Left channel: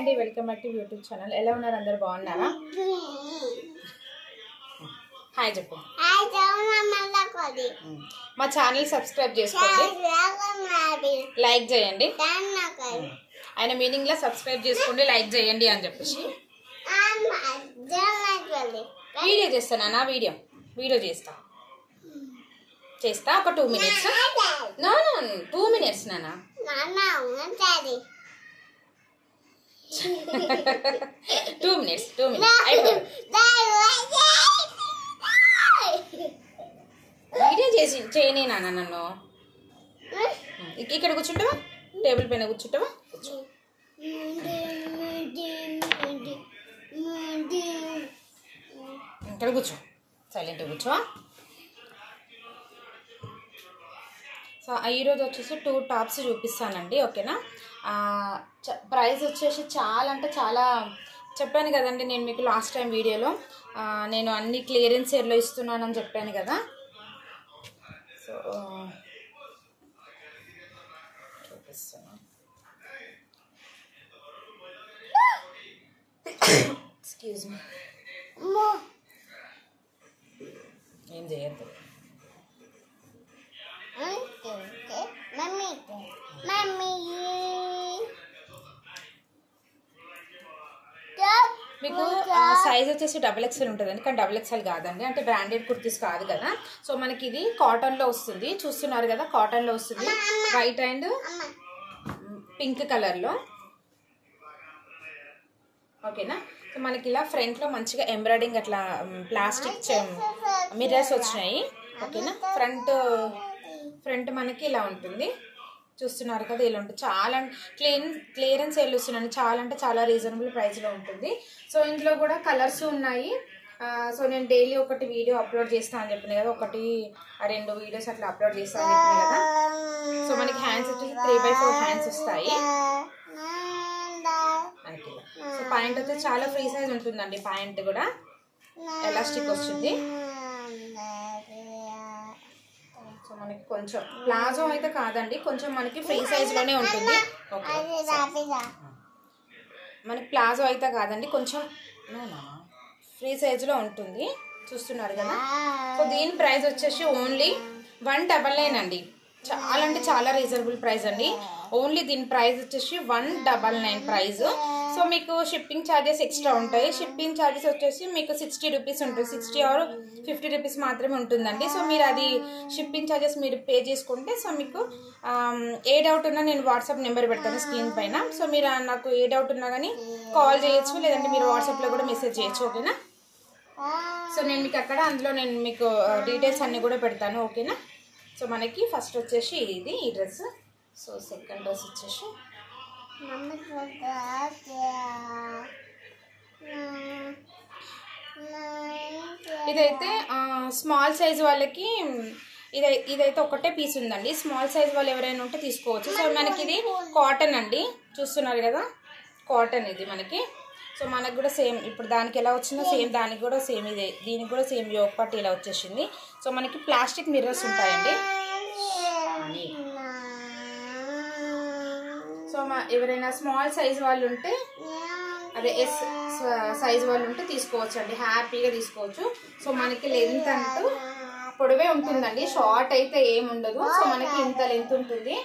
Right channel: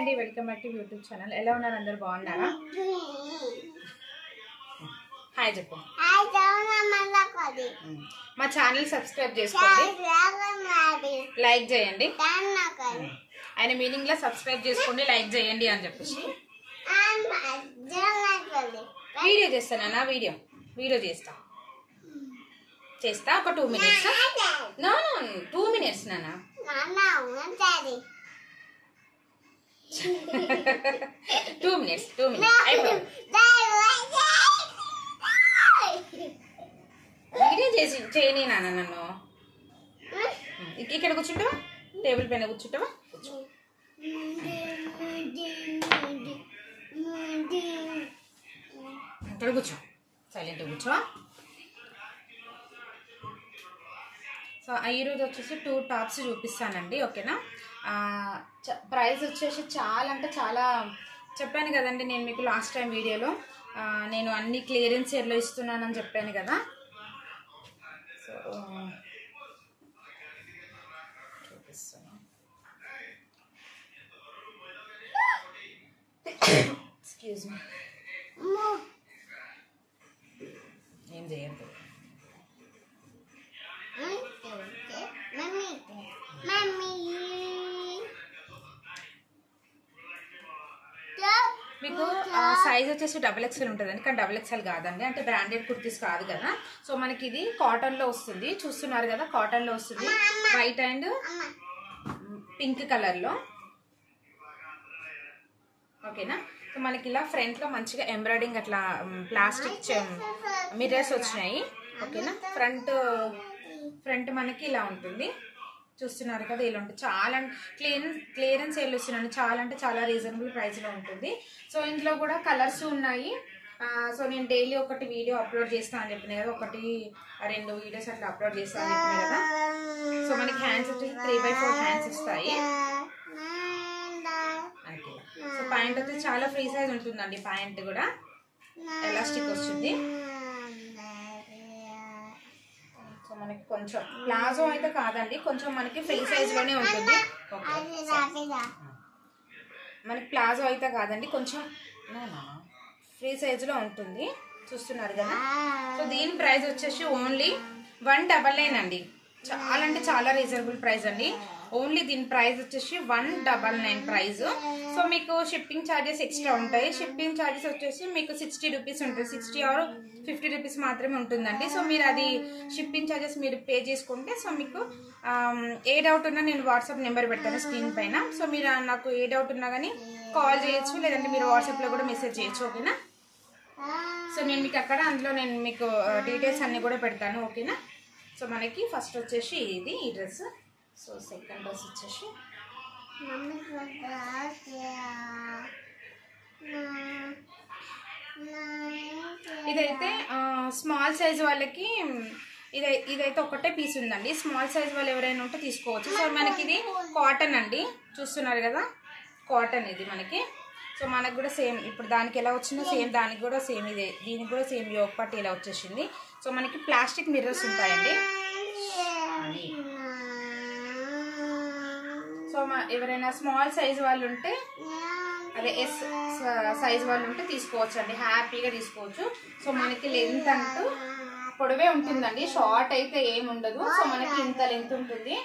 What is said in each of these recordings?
అండి, welcome back to YouTube channel. ఎలా ఉన్నారు? అందరు బాగున్నారా? హాయ్ చెప్పు. మా ఛానల్ సబ్స్క్రైబ్ చేసుకోండి, లైక్ చేయండి. ఆయన మీనింగ్ లో సబ్స్క్రైబ్ చేసుకోండి, లైక్ చేయండి అని చెప్పేసి వీడియో చేస్తానా? వీడియో చేస్తా ఒక 2 minutes. నో 2 minutes నానా. 2 minutes వీడియో చేయని నాన్న. నన్ను ఇక్కడ కూర్చుంటావా? టేబుల్ పైన కూర్చుంటావా? ఇక్కడ కూర్చో, సైలెంట్గా కూర్చో. సో ఈరోజు వచ్చేసి 2 టాప్స్ చూపిస్తానండి, ఓకేనా? ప్రైస్ వచ్చేసి చాలా అంటే చాలా చెప్పాను కదండి నేను మీకు లాస్ట్ టైం వీడియోలో. నేను అన్ని క్లియరెన్స్ సేల్లో ఇస్తున్నానని చెప్పాను కదా. సో చూపిస్తాను. ఎక్స్క్యూజ్ మీ, ఏం చేయద్దు. మీకు సైజ్ వచ్చేసి XXL ఉంటుందండి, కానీ XXL కాదండి, అంటే బ్రాండెడ్ కుర్తీస్ కాదు కదా. సో మనకి ఇది కాటన్లో వస్తుంది, చూస్తున్నారు కదా, కాటన్లో వస్తుంది. వైట్ అండ్ పింక్ కలర్లో, ఓకేనా? సో మనకి ఇలా ఫ్రంట్లో మంచిగా ఎంబ్రాయిడింగ్ అట్లా ప్లాస్టిక్ మిర్రర్స్ వచ్చినాయి, ఓకేనా? ఫ్రంట్ మనకి ఇలా ఉంటుంది, చూస్తున్నారు కదా, ఇలా ఉంటుంది. చాలా క్లియరెన్స్ సేల్ వస్తున్నాను, చాలా అంటే చాలా రీజనబుల్ ప్రైస్లో ఉంటుంది. సో ఇందులో కూడా కలర్స్ ఉన్నాయి. సో నేను డైలీ ఒకటి వీడియో అప్లోడ్ చేస్తాను అని చెప్పిన కదా, 1-2 వీడియోస్ అట్లా అప్లోడ్ చేస్తాను అని చెప్పిన కదా. సో మనకి హ్యాండ్స్ వచ్చేసి 3/4 హ్యాండ్స్ వస్తాయి. సో ప్యాంట్ వచ్చేసి చాలా ఫ్రీ సైజ్ ఉంటుందండి. ప్యాంట్ కూడా ఎలాస్టిక్ వస్తుంది. సో మనకి కొంచెం ప్లాజో అయితే కాదండి, కొంచెం మనకి ఫ్రీ సైజ్ లోనే ఉంటుంది. మనకి ప్లాజో అయితే కాదండి, కొంచెం ఫ్రీ సైజ్ లో ఉంటుంది, చూస్తున్నారు కదా. సో దీని ప్రైస్ వచ్చేసి ఓన్లీ 199 అండి. చాలా అంటే చాలా రీజనబుల్ ప్రైస్ అండి. ఓన్లీ దీని ప్రైస్ వచ్చేసి 199 ప్రైస్. సో మీకు షిప్పింగ్ ఛార్జెస్ ఎక్స్ట్రా ఉంటాయి. షిప్పింగ్ ఛార్జెస్ వచ్చేసి మీకు 60 రూపీస్ ఉంటుంది, 60 or 50 రూపీస్ మాత్రమే ఉంటుందండి. సో మీరు అది షిప్పింగ్ ఛార్జెస్ మీరు పే చేసుకుంటే, సో మీకు ఏ డౌట్ ఉన్నా నేను వాట్సాప్ నెంబర్ పెడతాను స్క్రీన్ పైన. సో మీరు నాకు ఏ డౌట్ ఉన్నా కానీ కాల్ చేయొచ్చు, లేదంటే మీరు వాట్సాప్లో కూడా మెసేజ్ చేయొచ్చు, ఓకేనా? సో నేను మీకు అక్కడ అందులో నేను మీకు డీటెయిల్స్ అన్నీ కూడా పెడతాను, ఓకేనా? సో మనకి ఫస్ట్ వచ్చేసి ఇది ఈ డ్రెస్. సో సెకండ్ డ్రెస్ వచ్చేసి ఇదైతే స్మాల్ సైజ్ వాళ్ళకి ఇదైతే ఒకటే పీస్ ఉందండి. స్మాల్ సైజ్ వాళ్ళు ఎవరైనా ఉంటే తీసుకోవచ్చు. సో మనకి ఇది కాటన్ అండి, చూస్తున్నారు కదా, కాటన్ ఇది మనకి. సో మనకు కూడా సేమ్ ఇప్పుడు దానికి ఎలా వచ్చిందో సేమ్ దానికి కూడా సేమ్ ఇదే, దీనికి కూడా సేమ్ యోగ్ పట్టి ఇలా వచ్చేసింది. సో మనకి ప్లాస్టిక్ మిర్రర్స్ ఉంటాయండి. సో ఎవరైనా స్మాల్ సైజ్ వాళ్ళు ఉంటే, అదే S సైజ్ వాళ్ళు ఉంటే తీసుకోవచ్చు అండి, హ్యాపీగా తీసుకోవచ్చు. సో మనకి లెంత్ అంటూ పొడవే ఉంటుందండి, షార్ట్ అయితే ఏముండదు. సో మనకి ఇంత లెంత్ ఉంటుంది.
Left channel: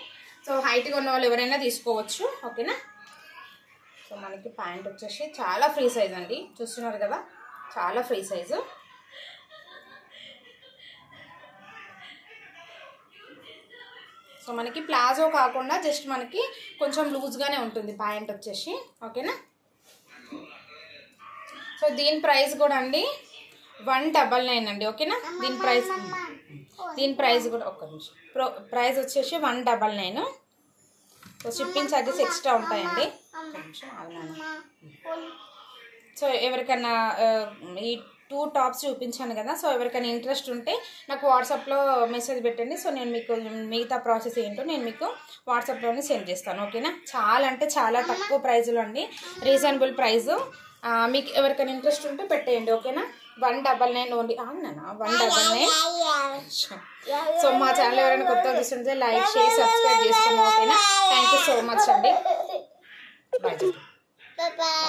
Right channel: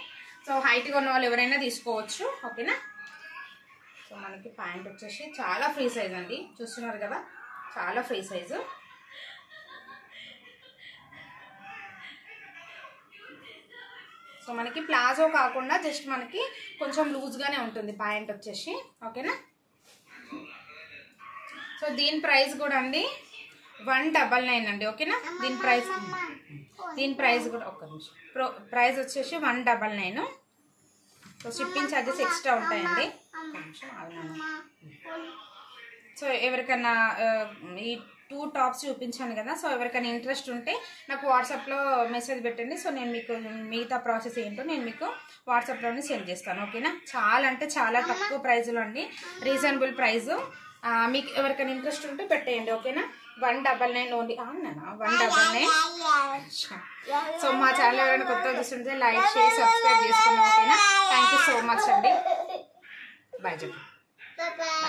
సో హైట్గా ఉన్న వాళ్ళు ఎవరైనా తీసుకోవచ్చు, ఓకేనా? సో మనకి ప్యాంట్ వచ్చేసి చాలా ఫ్రీ సైజ్ అండి, చూస్తున్నారు కదా, చాలా ఫ్రీ సైజు. సో మనకి ప్లాజో కాకుండా జస్ట్ మనకి కొంచెం లూజ్గానే ఉంటుంది ప్యాంట్ వచ్చేసి, ఓకేనా? సో దీని ప్రైస్ కూడా అండి 199 అండి, ఓకేనా? దీని ప్రైస్ కూడా ఒక్క నిమిషం, ప్రైస్ వచ్చేసి 199. సో షిప్పింగ్ ఛార్జెస్ ఎక్స్ట్రా ఉంటాయండి. సో ఎవరికన్నా ఈ 2 టాప్స్ చూపించాను కదా, సో ఎవరికైనా ఇంట్రెస్ట్ ఉంటే నాకు వాట్సాప్లో మెసేజ్ పెట్టండి. సో నేను మీకు మిగతా ప్రాసెస్ ఏంటో నేను మీకు వాట్సాప్లోనే సెండ్ చేస్తాను, ఓకేనా? చాలా అంటే చాలా తక్కువ ప్రైజ్లో అండి, రీజనబుల్ ప్రైజు. మీకు ఎవరికైనా ఇంట్రెస్ట్ ఉంటే పెట్టేయండి, ఓకేనా? 199 ఓన్లీ. 199. సో మా ఛానల్ ఎవరైనా కొత్తగా చూస్తుంటే లైక్, షేర్, సబ్స్క్రైబ్ చేసుకోండి, ఓకేనా? థ్యాంక్ యూ సో మచ్ అండి. బాయ్ చెప్పండి. Bye bye.